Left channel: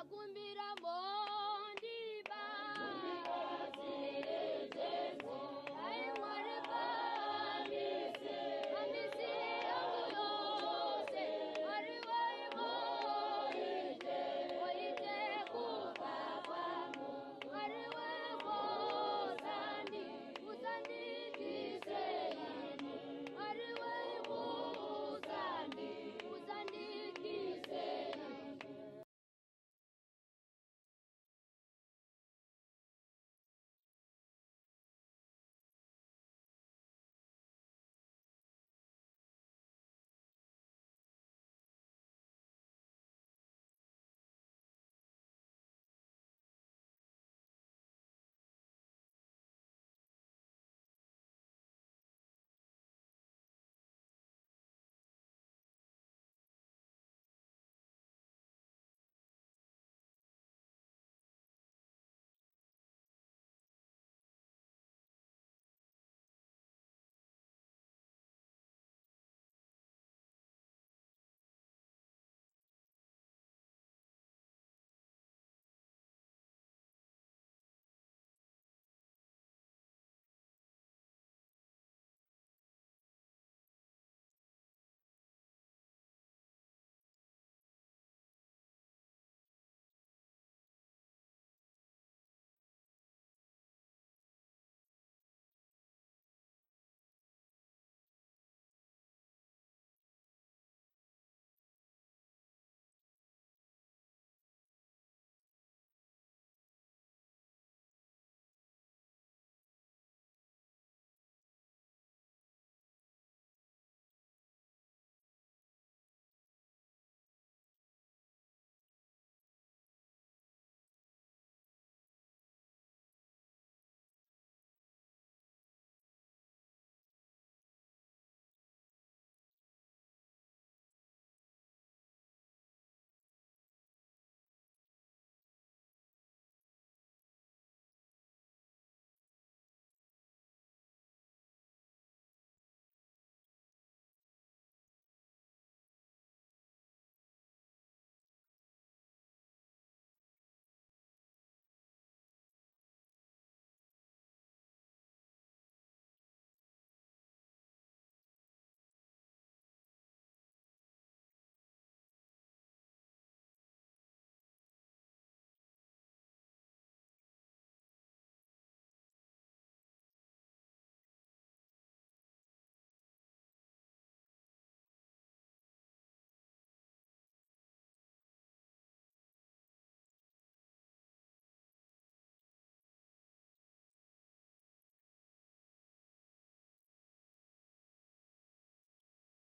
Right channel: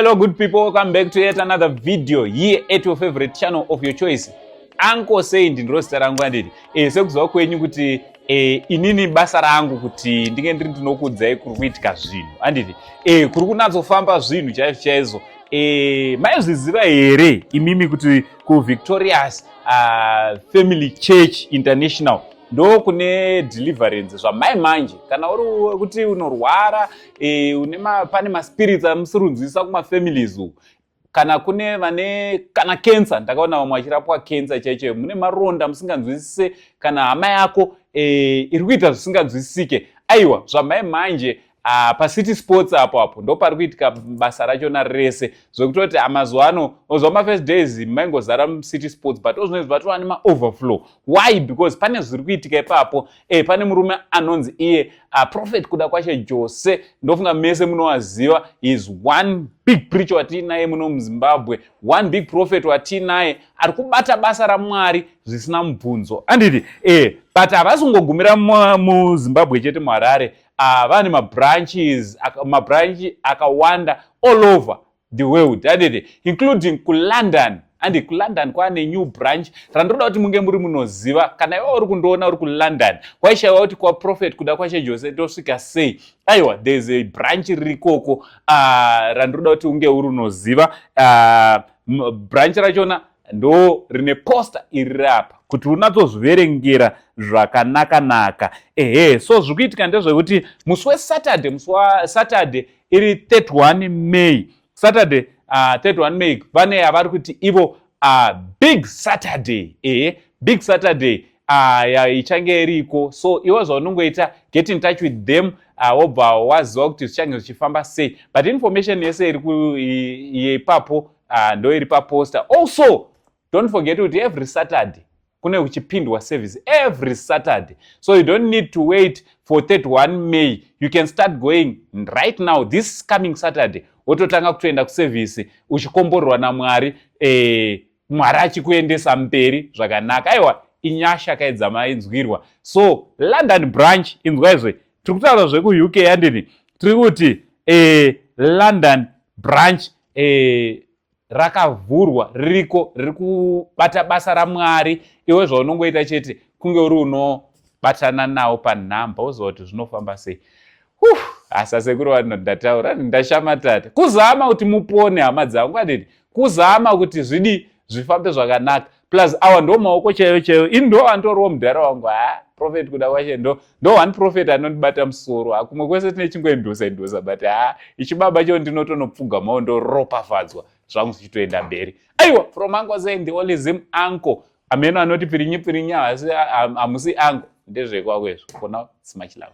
Hello good people, welcome back to yet another video here at your favorite channel of your choice. Uncle saying ndiro zita rangu anditi sekuziva kwenyu kuti inini basa rangu kuti ndinge ndiri ndinokudzai kuri kuitika zvinhu anditi kuri kunatsofamba zvinhu chaizvo chaizvo. Maizviziva here imimi kuti kuVictorious Family Church International ndo kune deliverance zvamai manje kana uri kuti unorwara pane maspirits amusirunzisa kumafamilies uku kana kune vane kana cancer, ndakaona vamwe vachirapwa cancer chaicho, mune maronda musinganzwisise kana hama yako iri kuita zvisinganzwisisike, aiwa zvamai manje paCity Sports apo ndo pari kuitika basa rachona rese zvekutoti amazuva ano ozva mafirst days maingozara muCity Sports but ozvinezvi vatova nemaoverflow. Why? Because pane zviri kuitika ipapo. Pane murume anonzi iye Prophet kuda kwashe Jose, ndofunga mese munowaziva. Is one big preacher watinaye muno muZimbabwe, one big prophet watinaye ari kubata basa raMwari zvisina mubvunzo anditi but havasi kungogumira muZimbabwe chete muHarare. Vane mabranchi akawanda all over the world anditi, including kuLondon. Andi kuLondon kwane new branch randoda kuti munge muri munoziva kana iwe uri kundoona uri kuLondon kwaishayiwa kuti kwaProphet kuda kwashe Jose tosvika sei. Aiwa, there is a branch rikoko randoda kuti unge uri unoziva. Branch rachona ndo rine poster iri apa kuti unatsozviverengera zvakanaka. So zvikuitika ndezvekuti musi weSaturday iri 31 May. Saturday 31 May vane avari kuti ivo big Saturday. Big Saturday ichange iriko. So iwe zvaunongoita get in touch with them wobva waziva kuti zvichange zvichifamba sei. But information yese iri ipapo ndo iri paposter. Also don't forget kuti every Saturday kune kuchipindwa service every Saturday. So you don't need to wait for 31 May. You can start going right now this coming Saturday. Wototanga kutoenda kuservice uchikomborwa naMwari, Mwari achikuendesa mberi zvakanaka. Aiwa, inyasha kaidzama inzwirwa. So London branch inzwa izve tiri kutaura zvekuUK andini, tiri kuti London branch rakavhurwa riko riri kubata basa raMwari. Iwe zvaunongoita chete kunge uri unobatana nawo panhamba uziva kuti zvinofamba sei. Asa sekuru vanhu ndataura ndashamatata kuzama kuti mupone hama dzangu anditi, kuzama kuti zvifambe zvakanaka. Plus awa ndo maoko chaiyo ini ndo andoriwo mudhara wangu. Prophet kuda kwashe ndo one prophet anondibata musoro. Kumwe kwese tine chingoendosa but ichibaba cho ndinotonopfugamawo ndoropafadzwa zvangu zvichitoenda mberi. Aiwa, from Uncle saying the only Zim uncle. Ameno anoti pirinyi asi hamusi uncle. Ndezvekwako izvo. For now, it's much love.